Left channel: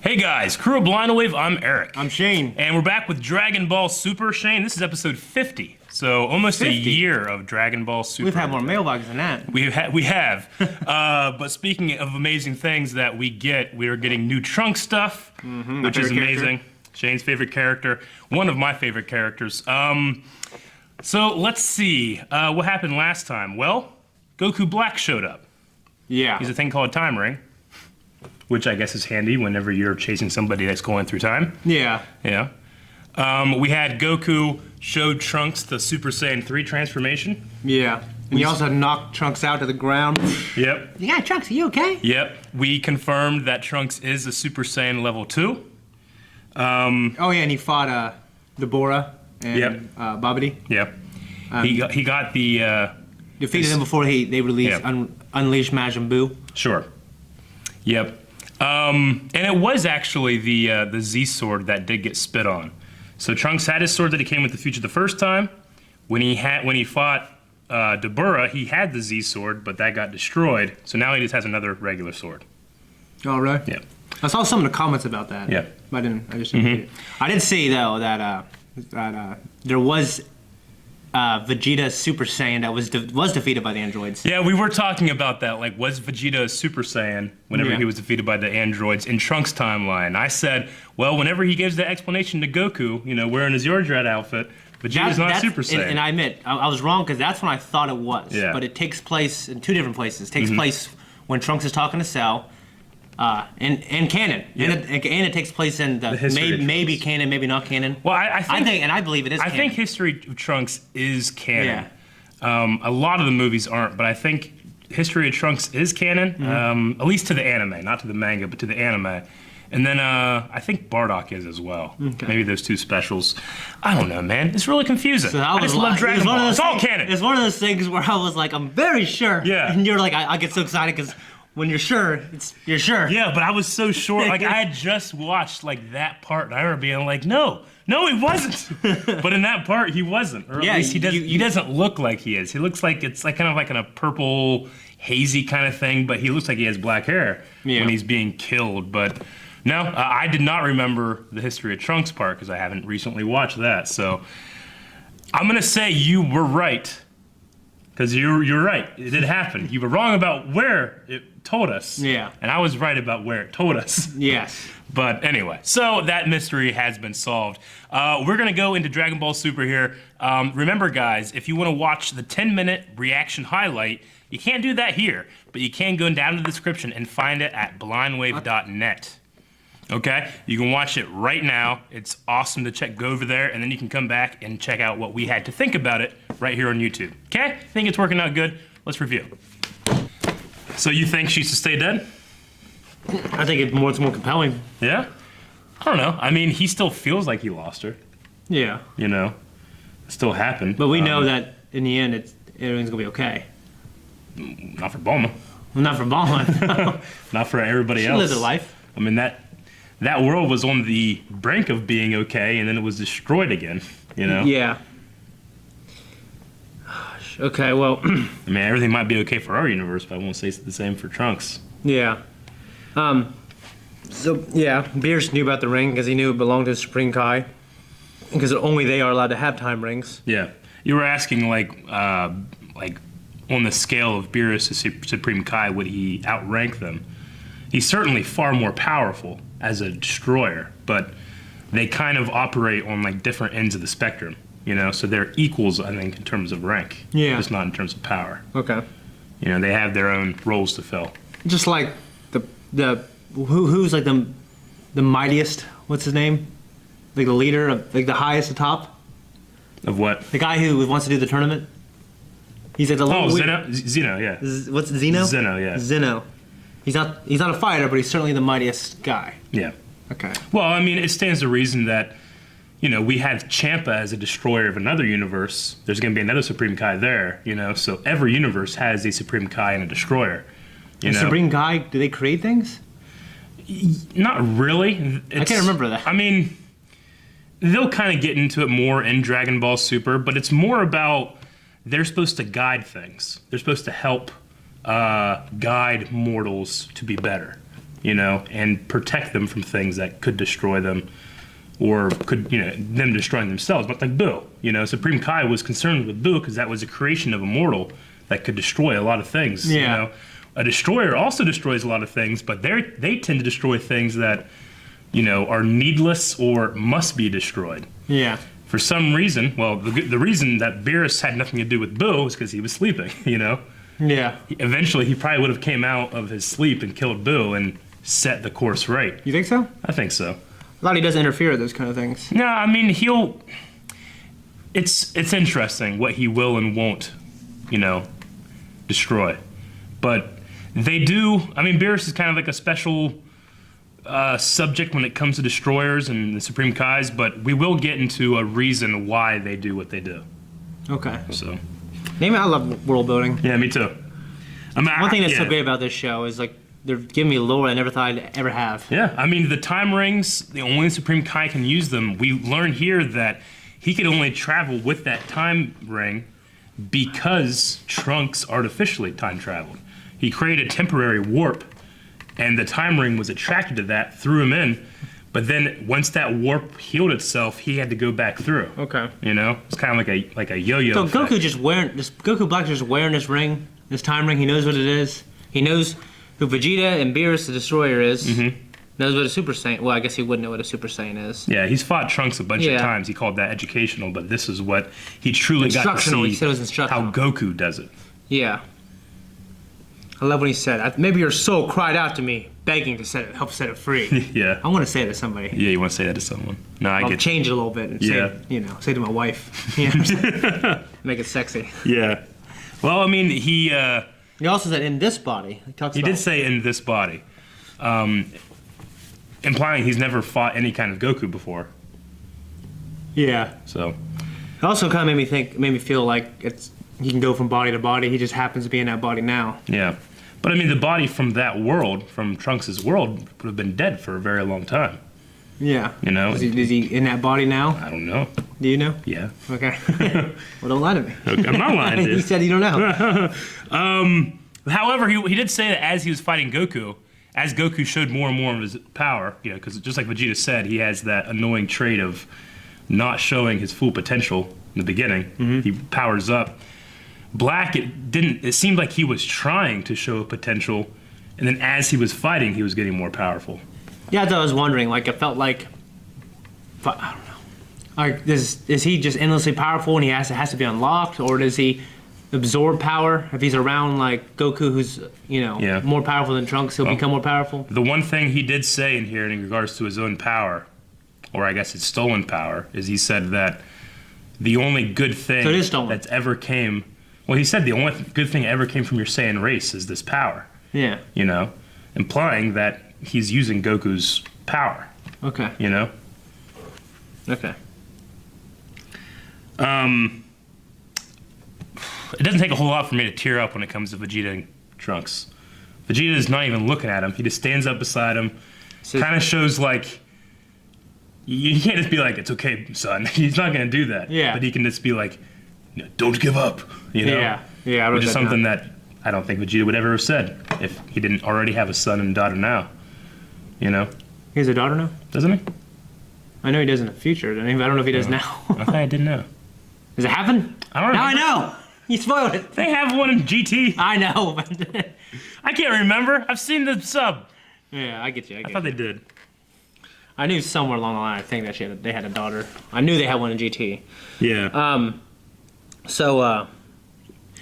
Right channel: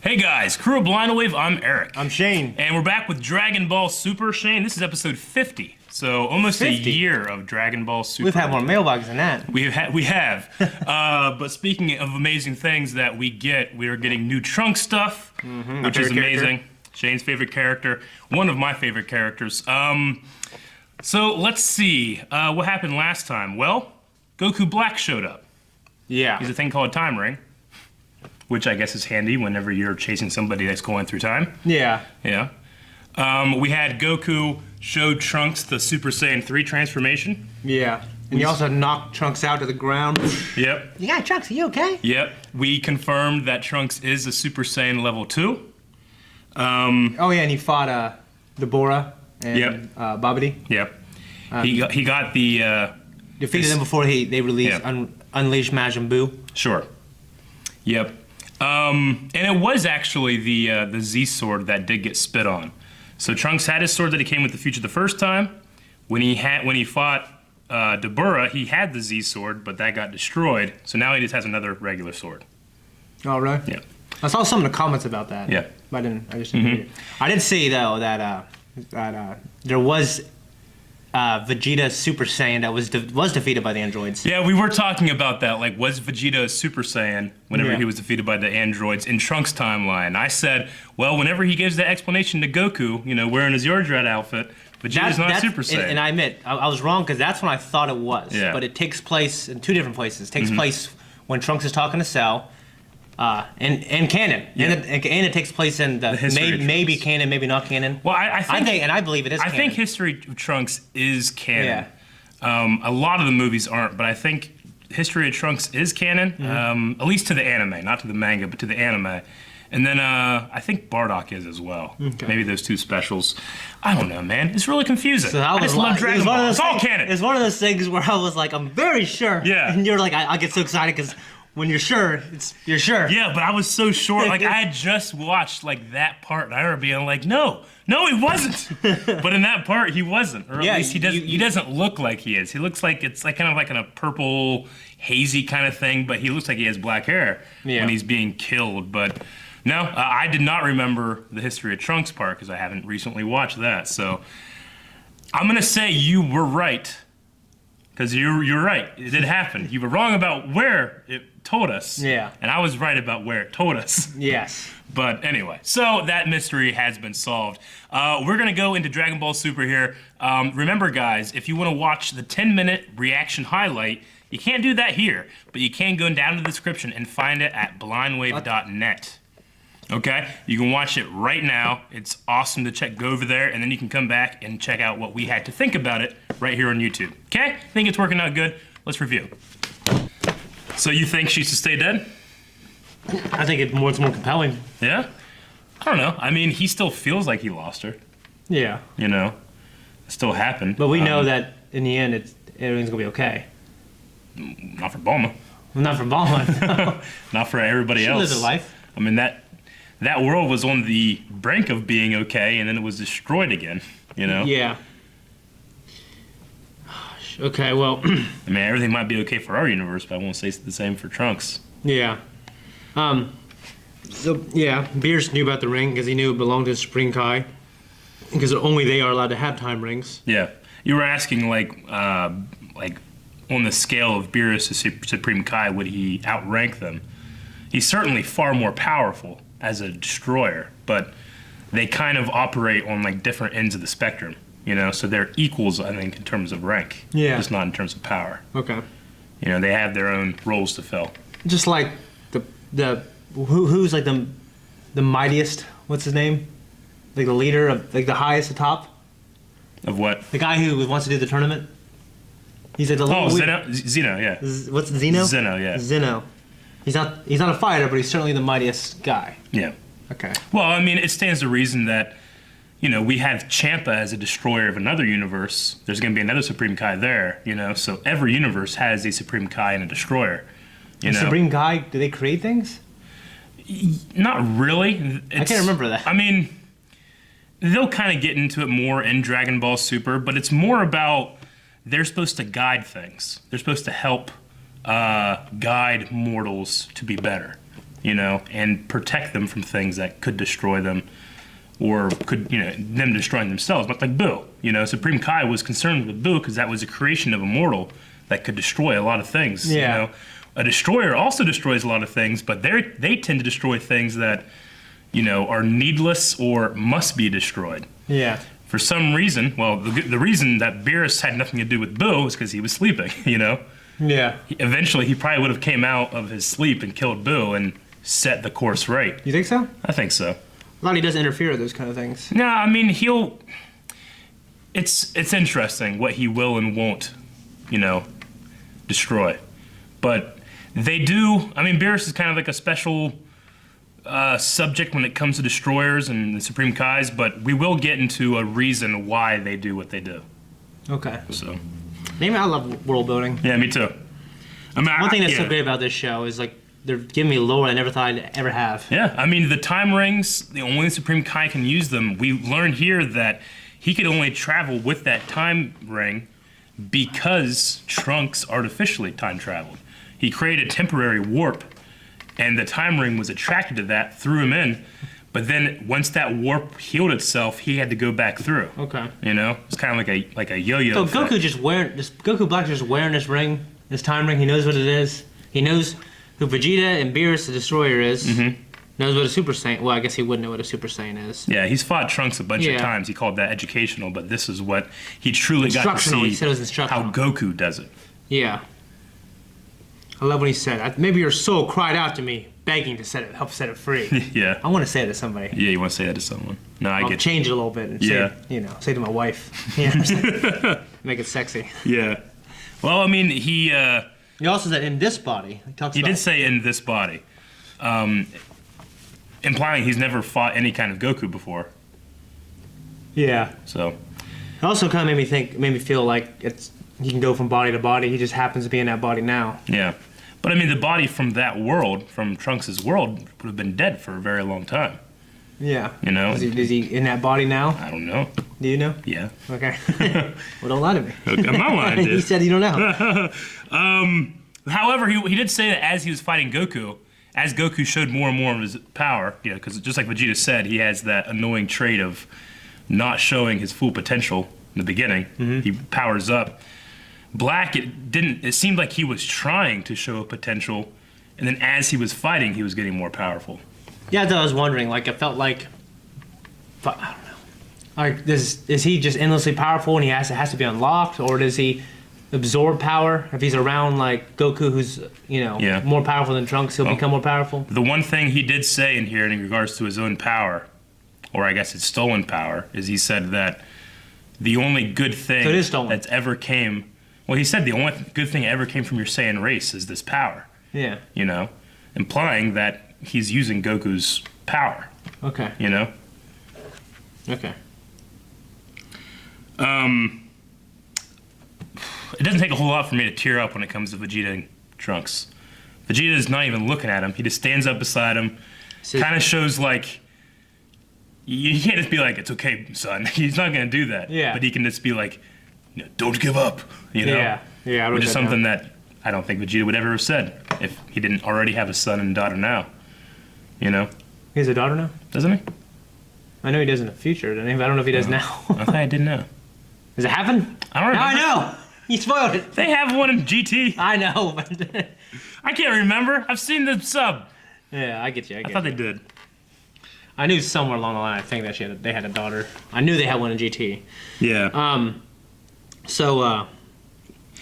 Hey guys, crew of Blind Wave, I'm Eric. I'm Shane. And we're back with Dragon Ball Super, Shane. This is episode 50. So almost 50? a year of Dragon Ball Super. We've had more mailboxes than that. We have. But speaking of amazing things that we get, we are getting new Trunks stuff, which is amazing. Shane's favorite character, one of my favorite characters. So let's see what happened last time. Well, Goku Black showed up. Yeah. He's a thing called a time ring, which I guess is handy whenever you're chasing somebody that's going through time. Yeah. Yeah. We had Goku show Trunks the Super Saiyan 3 transformation. Yeah. And you also knocked Trunks out to the ground. Yep. Yeah, Trunks, are you okay? Yep. We confirmed that Trunks is a Super Saiyan level 2. Oh, yeah, and he fought Deborah and Babidi. Yep. He got the... Defeated them before they released Unleashed Majin Buu. Sure. Yep. And it was actually the Z sword that did get spit on. So Trunks had his sword that he came with the future the first time. When he fought Deborah, he had the Z sword, but that got destroyed. So now he just has another regular sword. Oh, really? Yeah. I saw some of the comments about that. Yeah. But I just didn't read it. I did see though that there was Vegeta Super Saiyan that was defeated by the androids. Yeah, we were talking about that. Like, was Vegeta a Super Saiyan whenever he was defeated by the androids in Trunks' timeline? I said, well, whenever he gives the explanation to Goku, wearing his Zordrat outfit, Vegeta's not Super Saiyan. And I admit, I was wrong because that's when I thought it was. Yeah. But it takes place in two different places. It takes place when Trunks is talking to Cell, and canon. Yeah. And it takes place in the maybe canon, maybe not canon. Well, I think, and I believe it is. I think History of Trunks is canon. Yeah. A lot of the movies aren't, but I think History of Trunks is canon, at least to the anime, not to the manga, but to the anime. And then I think Bardock is as well. Okay. Maybe those two specials. I don't know, man. It's really confusing. So I just love Dragon Ball. It's all canon. It's one of those things where I was like, I'm very sure. Yeah. And you're like, I get so excited because when you're sure, you're sure. Yeah, but I was so sure. Like, I had just watched, like, that part, and I remember being like, no, he wasn't. But in that part, he wasn't. Or at least he doesn't look like he is. He looks like it's like kind of like in a purple, hazy kind of thing, but he looks like he has black hair when he's being killed. But no, I did not remember the History of Trunks part because I haven't recently watched that. So I'm going to say you were right. Because you're right. It did happen. You were wrong about where it told us. Yeah. And I was right about where it told us. Yes. But anyway, so that mystery has been solved. We're going to go into Dragon Ball Super here. Remember, guys, if you want to watch the 10-minute reaction highlight, you can't do that here. But you can go down to the description and find it at blindwave.net. Okay, you can watch it right now. It's awesome to go over there, and then you can come back and check out what we had to think about it right here on YouTube. Okay, think it's working out good. Let's review. So you think she should stay dead? I think it's more compelling. Yeah? I don't know. I mean, he still feels like he lost her. Yeah. It still happened. But we know that in the end, everything's gonna be okay. Not for Bulma. Not for Bulma. Not for everybody else. She lives her life. I mean, that world was on the brink of being okay, and then it was destroyed again, Yeah. Okay, well... I mean, everything might be okay for our universe, but I won't say it's the same for Trunks. Yeah. So, yeah, Beerus knew about the ring because he knew it belonged to Supreme Kai. Because only they are allowed to have time rings. Yeah. You were asking, like on the scale of Beerus to Supreme Kai, would he outrank them? He's certainly far more powerful as a destroyer, but they kind of operate on like different ends of the spectrum, so they're equals, I think, in terms of rank. Yeah. Just not in terms of power. Okay. They have their own roles to fill. Just like who's like the mightiest, what's his name? Like the leader of like the highest, the top? Of what? The guy who wants to do the tournament? He's like the Zeno, yeah. What's Zeno? Zeno, yeah. Zeno. He's not a fighter, but he's certainly the mightiest guy. Yeah. Okay. Well, I mean, it stands to reason that, we have Champa as a destroyer of another universe. There's going to be another Supreme Kai there, so every universe has a Supreme Kai and a destroyer. The Supreme Kai, do they create things? Not really. I can't remember that. I mean, they'll kind of get into it more in Dragon Ball Super, but it's more about they're supposed to guide things. They're supposed to help guide mortals to be better. you know, and protect them from things that could destroy them, or could, you know, them destroying themselves. But like Boo, you know, Supreme Kai was concerned with Boo because that was a creation of a mortal that could destroy a lot of things. Yeah. You know, a destroyer also destroys a lot of things, but they tend to destroy things that, you know, are needless or must be destroyed. Yeah. For some reason, well, the reason that Beerus had nothing to do with Boo is because he was sleeping. You know. Yeah. Eventually, he probably would have came out of his sleep and killed Boo and set the course right. You think so? I think so. A lot he doesn't interfere with those kind of things. No, I mean it's interesting what he will and won't, you know, destroy. But they do. I mean, Beerus is kind of like a special subject when it comes to destroyers and the Supreme Kais. But we will get into a reason why they do what they do. Okay. So. I love world building. Yeah, me too. I mean, one thing that's so great about this show is like they're giving me lore I never thought I'd ever have. Yeah, I mean, the time rings, the only Supreme Kai can use them. We learn here that he could only travel with that time ring because Trunks artificially time traveled. He created a temporary warp, and the time ring was attracted to that, threw him in. But then once that warp healed itself, he had to go back through. Okay. You know, it's kind of like a yo-yo. So effect. Goku Black just wearing this ring, this time ring. He knows what it is. He knows who Vegeta and Beerus the Destroyer is. Mm-hmm. Knows what a Super Saiyan. Well, I guess he would know what a Super Saiyan is. Yeah, he's fought Trunks a bunch of times. He called that educational, but this is what he truly got to see. He said it was instructional. How Goku does it. Yeah. I love what he said. Maybe your soul cried out to me, begging to help set it free. Yeah. I want to say it to somebody. Yeah, you want to say that to someone. No, I I'll get change it a little bit and say, say it to my wife. Yeah. Make it sexy. Yeah. Well, I mean, he also said in this body. He did say in this body, implying he's never fought any kind of Goku before. Yeah. So. It also kind of made me feel like he can go from body to body. He just happens to be in that body now. Yeah. But I mean, the body from that world, from Trunks' world, would have been dead for a very long time. Yeah. You know? Is he in that body now? I don't know. Do you know? Yeah. Okay. Well, don't lie to me. Okay, I'm not lying to you. He said you don't know. However, he did say that as he was fighting Goku, as Goku showed more and more of his power, you know, because just like Vegeta said, he has that annoying trait of not showing his full potential in the beginning. Mm-hmm. He powers up. Black, it seemed like he was trying to show a potential, and then as he was fighting, he was getting more powerful. Yeah, I was wondering. Like, it felt like, I don't know. Like, is he just endlessly powerful and it has to be unlocked, or does he absorb power if he's around like Goku, who's more powerful than Trunks? He'll become more powerful. The one thing he did say in here in regards to his own power, or I guess it's stolen power, is he said that the only good thing that's ever came. Well, he said the only good thing that ever came from your Saiyan race is this power. Yeah. You know, implying that he's using Goku's power. Okay. You know? Okay. It doesn't take a whole lot for me to tear up when it comes to Vegeta and Trunks. Vegeta is not even looking at him. He just stands up beside him. Kind of shows like, you can't just be like, it's okay, son. He's not going to do that. Yeah. But he can just be like, don't give up. You know? Yeah. Yeah. Which is something that I don't think Vegeta would ever have said if he didn't already have a son and daughter now. You know? He has a daughter now? Doesn't he? I know he does in the future. I don't know if he does now. I thought I didn't know. Does it happen? I don't know. Now I know. You spoiled it. They have one in GT. I know, but I can't remember. I've seen the sub. Yeah, I get you. I thought they did. I knew somewhere along the line. I think that they had a daughter. I knew they had one in GT. Yeah.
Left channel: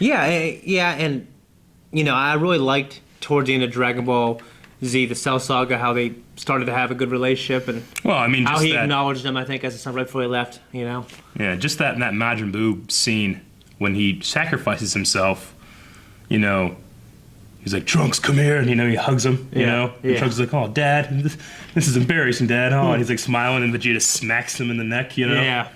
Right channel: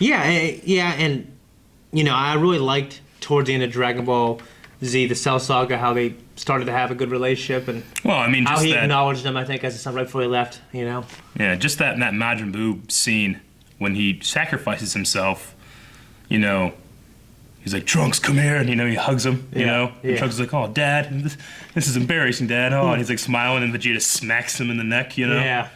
Yeah, and I really liked towards the end of Dragon Ball Z, the Cell Saga, how they started to have a good relationship, and how he acknowledged them. I think as a son right before he left. Yeah, just that Majin Buu scene when he sacrifices himself. He's like, Trunks, come here, and he hugs him. And Trunks is like, oh, Dad, this is embarrassing, Dad. Oh, and he's like smiling, and Vegeta smacks him in the neck. Yeah.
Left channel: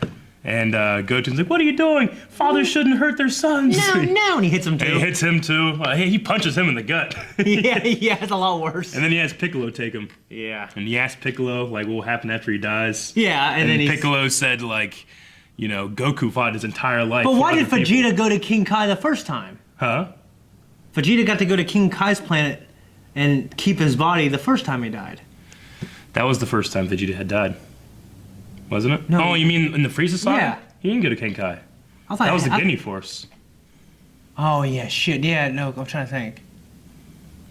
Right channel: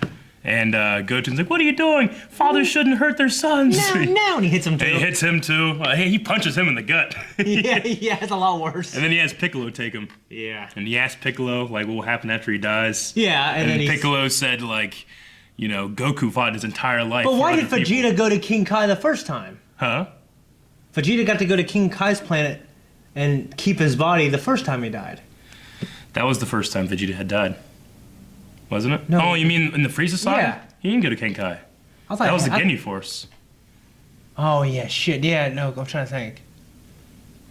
And Goten's like, what are you doing? Fathers shouldn't hurt their sons. No, and he hits him too. And he hits him too. He punches him in the gut. yeah, it's a lot worse. And then he has Piccolo take him. Yeah. And he asked Piccolo, like, what will happen after he dies? Yeah, and then Piccolo said, like, Goku fought his entire life. But why did Vegeta go to King Kai the first time? Huh? Vegeta got to go to King Kai's planet and keep his body the first time he died. That was the first time Vegeta had died, wasn't it? No. Oh, you mean in the Frieza saga? Yeah. He didn't go to Kenkai. I thought That was the Ginyu Force. Oh yeah, shit. Yeah, no, I'm trying to think.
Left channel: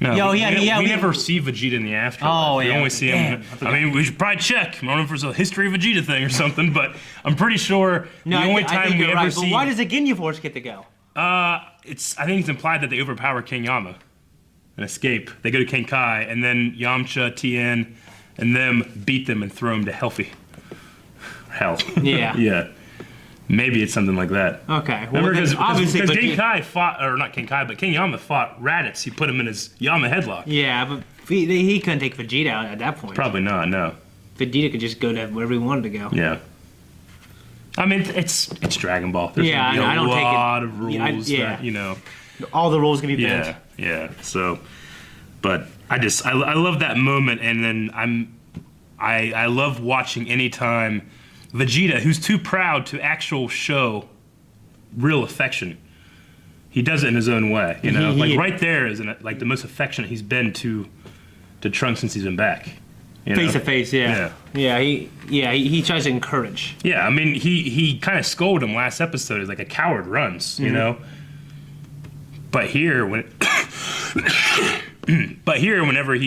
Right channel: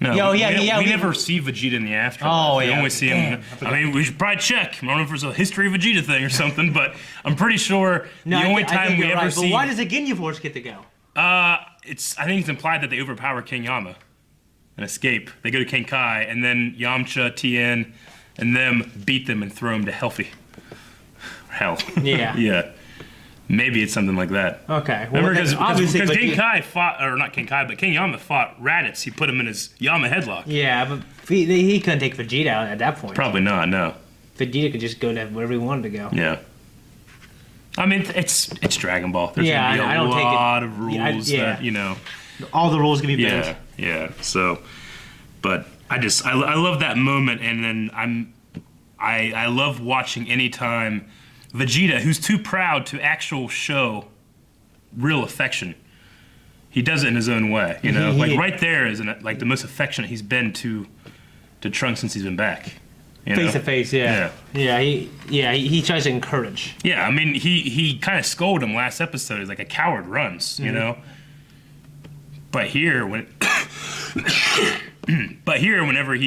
No, we we never see Vegeta in the afterlife. Oh, We yeah. only see him. I mean, we should probably check. I don't know if there's a history of Vegeta thing or something, but I'm pretty sure No, the only I time think we you're ever right. see. But why does the Ginyu Force get to go? I think it's implied that they overpower King Yama and escape. They go to Kenkai, and then Yamcha, Tien, and them beat them and throw them to hell. Yeah. Yeah. Maybe it's something like that. Okay. Well, Remember, obviously, because but King Kai fought, or not King Kai, but King Yama fought Raditz. He put him in his Yama headlock. yeah, but he couldn't take Vegeta out at that point. Probably not, no. Vegeta could just go to wherever he wanted to go. Yeah. I mean, it's Dragon Ball. There's Yeah, gonna be I a don't take it. lot of rules Yeah. that, you know. All the rules can be bent. Yeah. So, but I love that moment, and then I love watching anytime Vegeta, who's too proud to actual show real affection. He does it in his own way, you know. Like right there is like the most affectionate he's been to Trunks since he's been back. You Face know? to face, yeah. He tries to encourage. Yeah, I mean, he kind of scolded him last episode. He's like a coward runs, you know. But here, whenever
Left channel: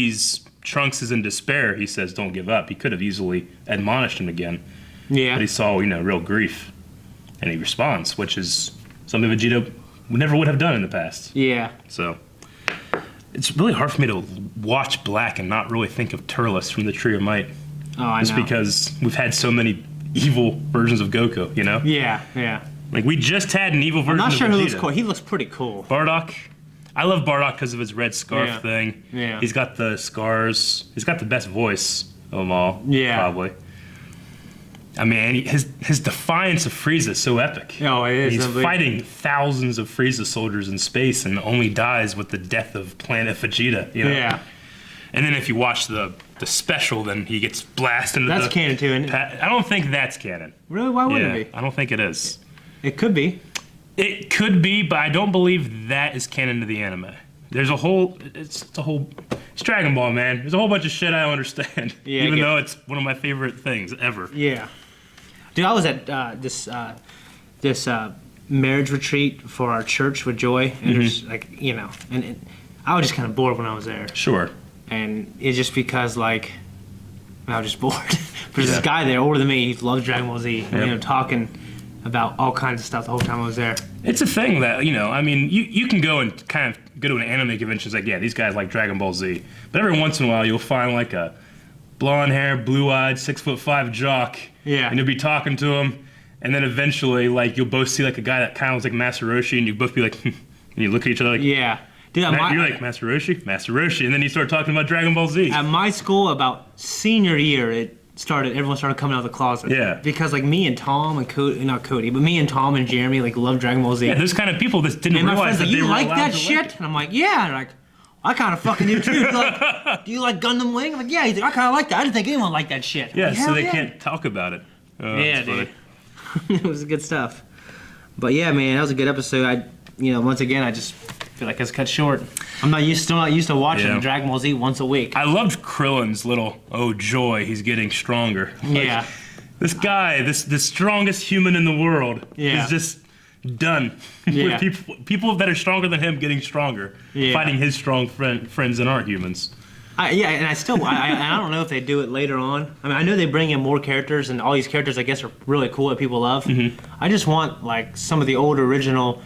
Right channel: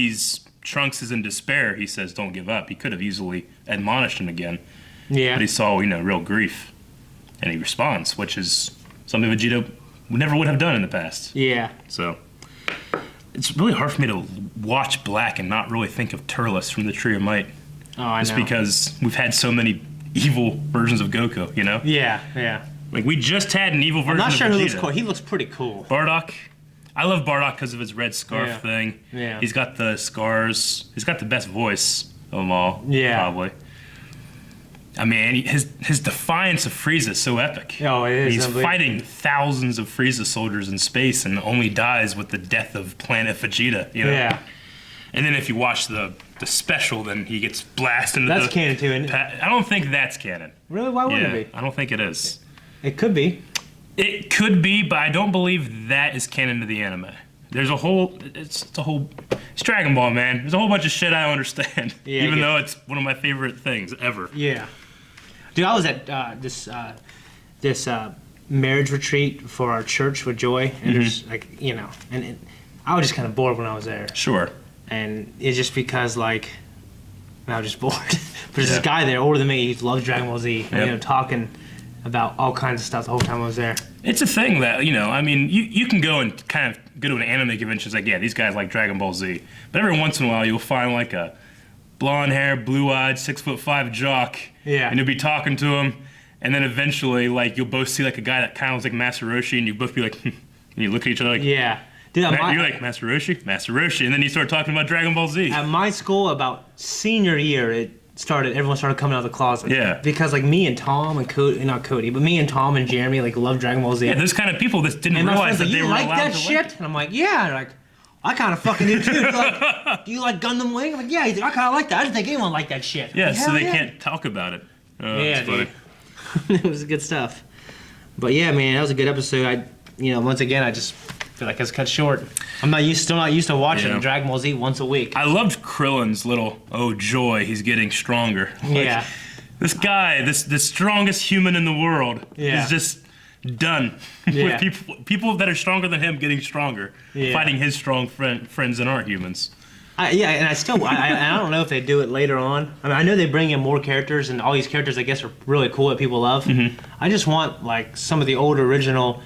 Trunks is in despair, he says, "Don't give up." He could have easily admonished him again, Yeah. but he saw, real grief, and he responds, which is something Vegeta never would have done in the past. Yeah. So it's really hard for me to watch Black and not really think of Turles from the Tree of Might. Oh, I Just know. because we've had so many evil versions of Goku, you know? Yeah. Like, we just had an evil version I'm not sure of who Vegeta. looks cool. He looks pretty cool. Bardock. I love Bardock because of his red scarf Yeah. thing. Yeah. He's got the scars. He's got the best voice of them all. Yeah. Probably. I mean, his defiance of Frieza is so epic. Oh, it is. He's fighting thousands of Frieza soldiers in space and only dies with the death of Planet Vegeta. You know? Yeah. And then if you watch the special, then he gets blasted into That's canon too, isn't it? I don't think that's canon. Really? Why wouldn't it I don't think it is. be? It could be. It could be, but I don't believe that is canon to the anime. There's it's Dragon Ball, man. There's a whole bunch of shit I don't understand. Yeah, even though it's one of my favorite things ever. Yeah. Dude, I was at this marriage retreat for our church with Joy, and there's and I was just kind of bored when I was there, Sure. and it's just because I was just bored. There's this guy there older than me. He loves Dragon Ball Z, Yep. talking about all kinds of stuff the whole time I was there. It's a thing that, I mean, you can go and kind of go to an anime convention. It's like, yeah, these guys like Dragon Ball Z. But every once in a while, you'll find like a blonde hair, blue-eyed, 6'5" jock. Yeah. And you'll be talking to him. And then eventually, like, you'll both see like a guy that kind of looks like Master Roshi. And you both be like, and you look at each other like, Yeah. Dude, you're like, Master Roshi? Master Roshi. And then you start talking about Dragon Ball Z. at my school, about senior year, everyone started coming out of the closet. Yeah. Because me and Tom and Cody, not Cody, but me and Tom and Jeremy love Dragon Ball Z. Yeah, those kind of people that didn't And my realize friends that like, they you were like allowed that to shit? like it. And I'm like, yeah. And like, I kind of fucking do too. He's like, do you like Gundam Wing? I'm like, yeah. He's like, I kind of like that. I didn't think anyone liked that shit. I'm Yeah, like, so hell they yeah. can't talk about it. Oh, Yeah, that's funny. dude. It was good stuff. But yeah, man, that was a good episode. Once again, I just feel like it's cut short. I'm still not used to watching Yeah. Dragon Ball Z once a week. I loved Krillin's little, oh joy, he's getting stronger. Yeah. This guy, this strongest human in the world, Yeah. is just done Yeah. with people that are stronger than him getting stronger, Yeah. fighting his strong friends that aren't humans. And I still, I don't know if they do it later on. I mean, I know they bring in more characters, and all these characters, I guess, are really cool that people love. Mm-hmm. I just want some of the old original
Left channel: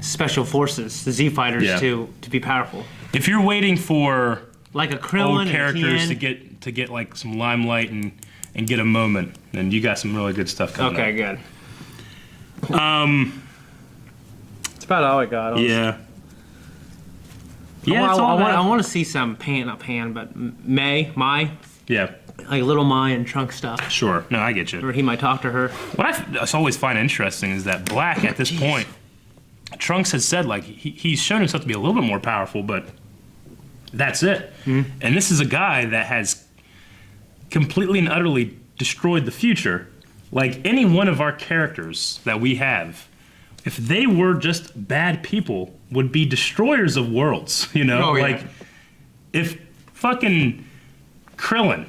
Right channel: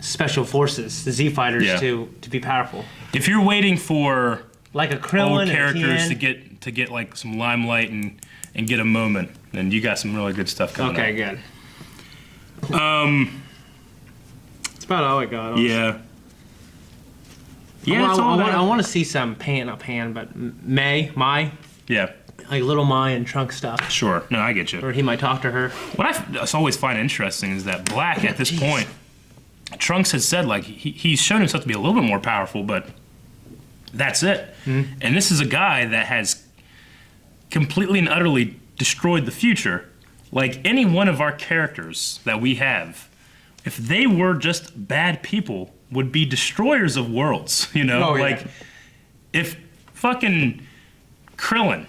special forces, the Z fighters, Yeah. to be powerful, If you're waiting for like a Krillin old and characters a to get like some limelight and get a moment, then you got some really good stuff coming Okay, up. good. It's about all I got. Yeah. Yeah, it's all that. I want to see some Mai, Yeah, like little Mai and Trunk stuff, sure. No, I get you. or he might talk to her. What I always find interesting is that Black, at this point, Trunks has said, like, he's shown himself to be a little bit more powerful, but that's it. Mm-hmm. And this is a guy that has completely and utterly destroyed the future. Like, any one of our characters that we have, if they were just bad people, would be destroyers of worlds, Oh, yeah. Like, if fucking Krillin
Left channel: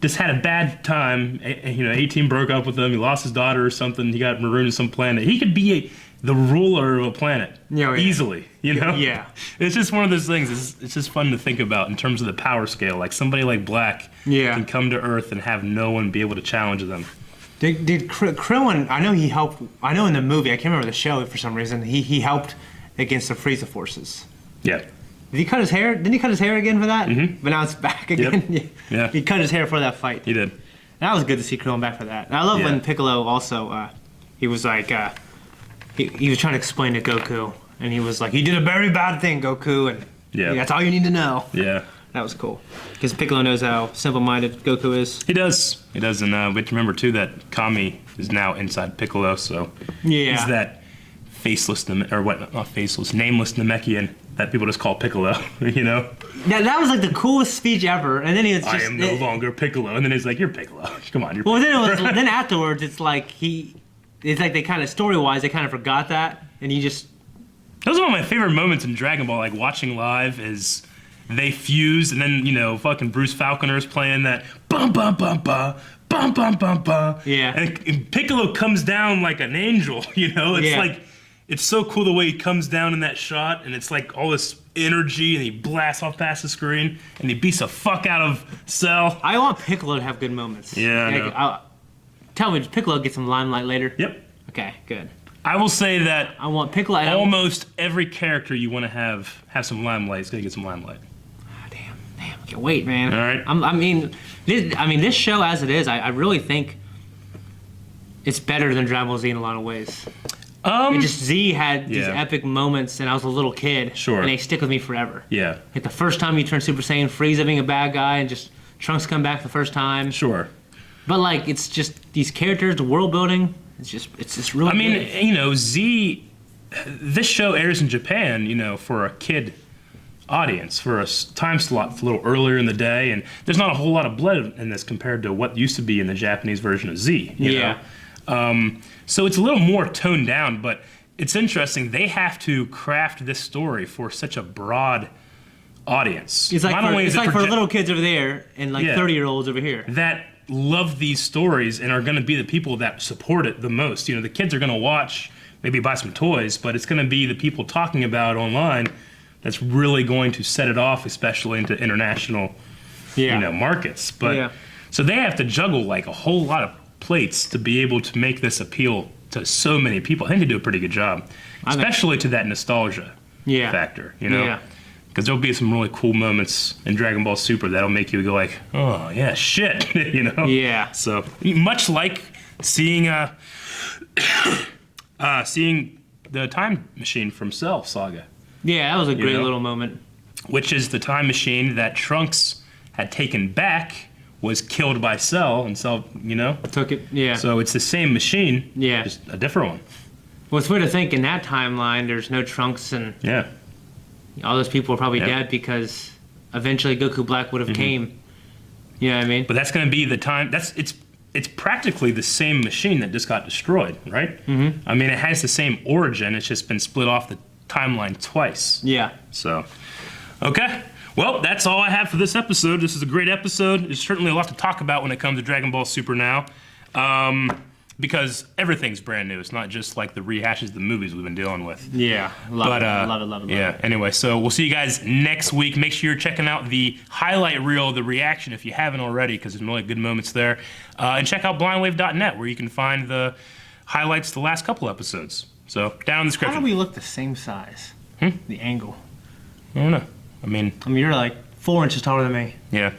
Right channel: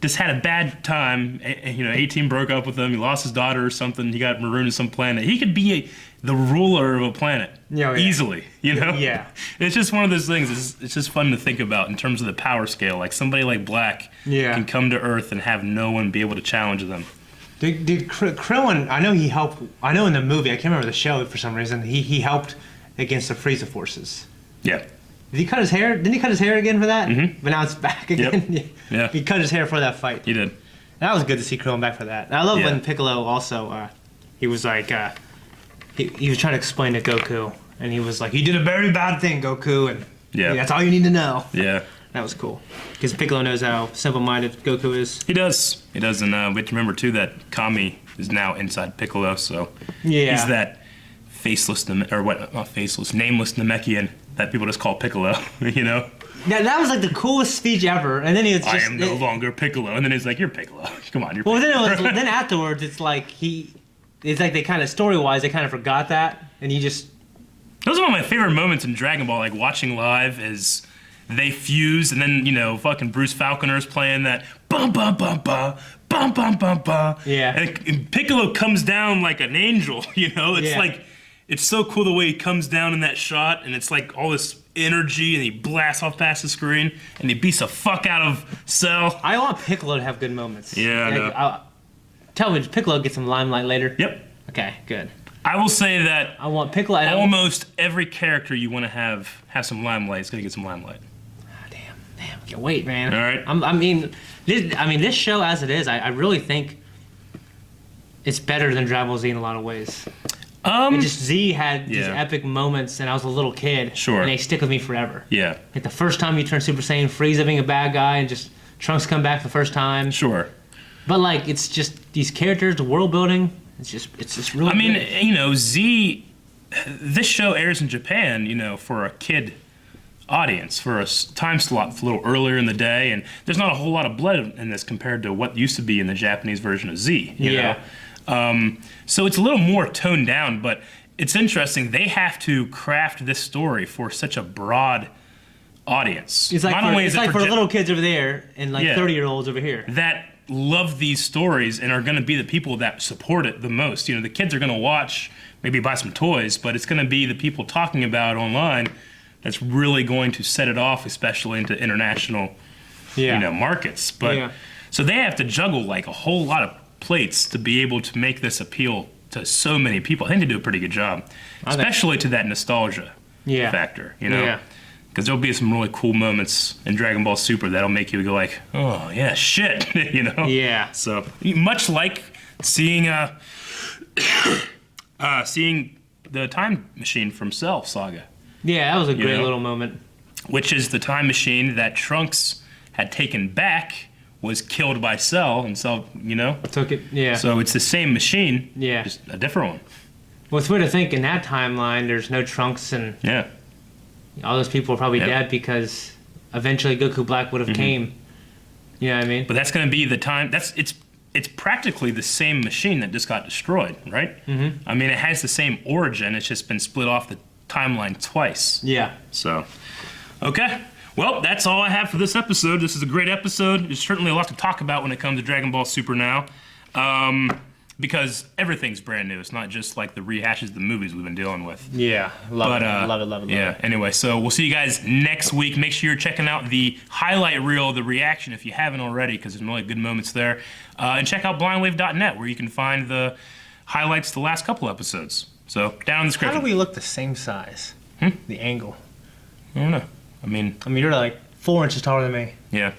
just had a bad time, 18 broke up with him, he lost his daughter or something, he got marooned to some planet, he could be the ruler of a planet easily, Yeah. It's just one of those things. It's just fun to think about in terms of the power scale. Like somebody like Black can come to Earth and have no one be able to challenge them. Did Krillin? I know he helped. I know in the movie, I can't remember the show for some reason. He helped against the Frieza forces. Yeah. Did he cut his hair? Didn't he cut his hair again for that? Mm-hmm. But now it's back again. Yep. Yeah. He cut his hair for that fight. He did. That was good to see Krillin back for that. And I love when Piccolo also. He was like. He was trying to explain to Goku, and he was like, "You did a very bad thing, Goku, and that's all you need to know." Yeah. That was cool. Because Piccolo knows how simple-minded Goku is. He does. He does, and we have to remember too that Kami is now inside Piccolo, so he's that faceless, not faceless, nameless Namekian that people just call Piccolo. Yeah, that was like the coolest speech ever, and then he was just. I am no longer Piccolo, and then he's like, "You're Piccolo. Come on, you're." Well, Piccolo. Then afterwards, it's like It's like they kind of story-wise, they kind of forgot that, and he just. Those are one of my favorite moments in Dragon Ball. Like watching live is they fuse, and then fucking Bruce Falconer's playing that bum bum bum bum bum bum bum bum. Yeah. And Piccolo comes down like an angel. It's like it's so cool the way he comes down in that shot, and it's like all this energy, and he blasts off past the screen, and he beats the fuck out of Cell. I want Piccolo to have good moments. Yeah. Tell me, does Piccolo get some limelight later? Yep. Okay, good. I will say that I want Piccolo. Almost every character you want to have some limelight is going to get some limelight. Oh, damn, I can't wait, man. All right. This show as it is, I really think it's better than Dragon Ball Z in a lot of ways. Z had these epic moments, and I was a little kid. Sure. And they stick with me forever. Yeah. Like the first time you turn Super Saiyan, Frieza being a bad guy, and just Trunks come back the first time. Sure. But like, it's just these characters, the world building. It's just really. Good. Z. This show airs in Japan, for a kid audience, for a time slot a little earlier in the day, and there's not a whole lot of blood in this compared to what used to be in the Japanese version of Z. You know? So it's a little more toned down, but it's interesting. They have to craft this story for such a broad audience. It's like for little kids over there and like 30-year-olds over here. That love these stories and are going to be the people that support it the most. The kids are going to watch, maybe buy some toys, but it's going to be the people talking about it online that's really going to set it off, especially into international, markets. But so they have to juggle like a whole lot of plates to be able to make this appeal to so many people. I think they do a pretty good job, especially to that nostalgia factor. Because there'll be some really cool moments in Dragon Ball Super that'll make you go like, oh yeah, shit, Yeah. So much like seeing seeing the time machine from Cell saga. Yeah, that was a great little moment. Which is the time machine that Trunks had taken back, was killed by Cell, and Cell, took it. Yeah. So it's the same machine. Yeah. Just a different one. Well, it's weird to think in that timeline there's no Trunks and. Yeah. All those people are probably dead because eventually Goku Black would have came. You know what I mean? But that's going to be the time. It's practically the same machine that just got destroyed, right? Mm-hmm. It has the same origin. It's just been split off the timeline twice. Yeah. So, okay. Well, that's all I have for this episode. This is a great episode. There's certainly a lot to talk about when it comes to Dragon Ball Super now. Because everything's brand new. It's not just like the rehashes of the movies we've been dealing with. Yeah, love it. Yeah, anyway, so we'll see you guys next week. Make sure you're checking out the highlight reel, the reaction, if you haven't already, because there's some really good moments there. And check out blindwave.net, where you can find the highlights of the last couple episodes. So, down in the description. How do we look the same size? The angle. I don't know. I mean, you're like 4 inches taller than me. Yeah.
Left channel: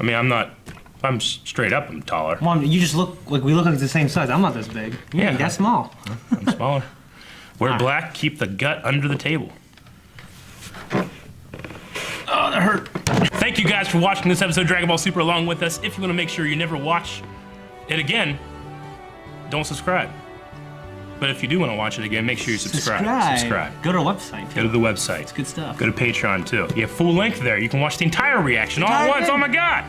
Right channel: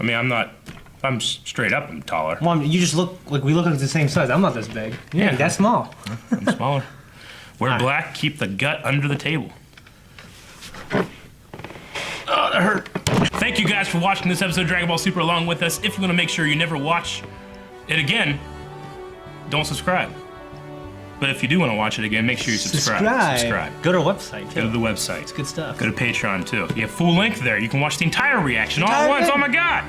I'm not... If I'm straight up, I'm taller. Mom, you just look like we look like the same size. I'm not this big. You're that small. I'm small. Wear black, keep the gut under the table. Oh, that hurt. Thank you guys for watching this episode of Dragon Ball Super along with us. If you want to make sure you never watch it again, don't subscribe. But if you do want to watch it again, make sure you subscribe. Go to our website. Go to the website. It's good stuff. Go to Patreon, too. You have full length there. You can watch the entire reaction all at once. Oh, my God.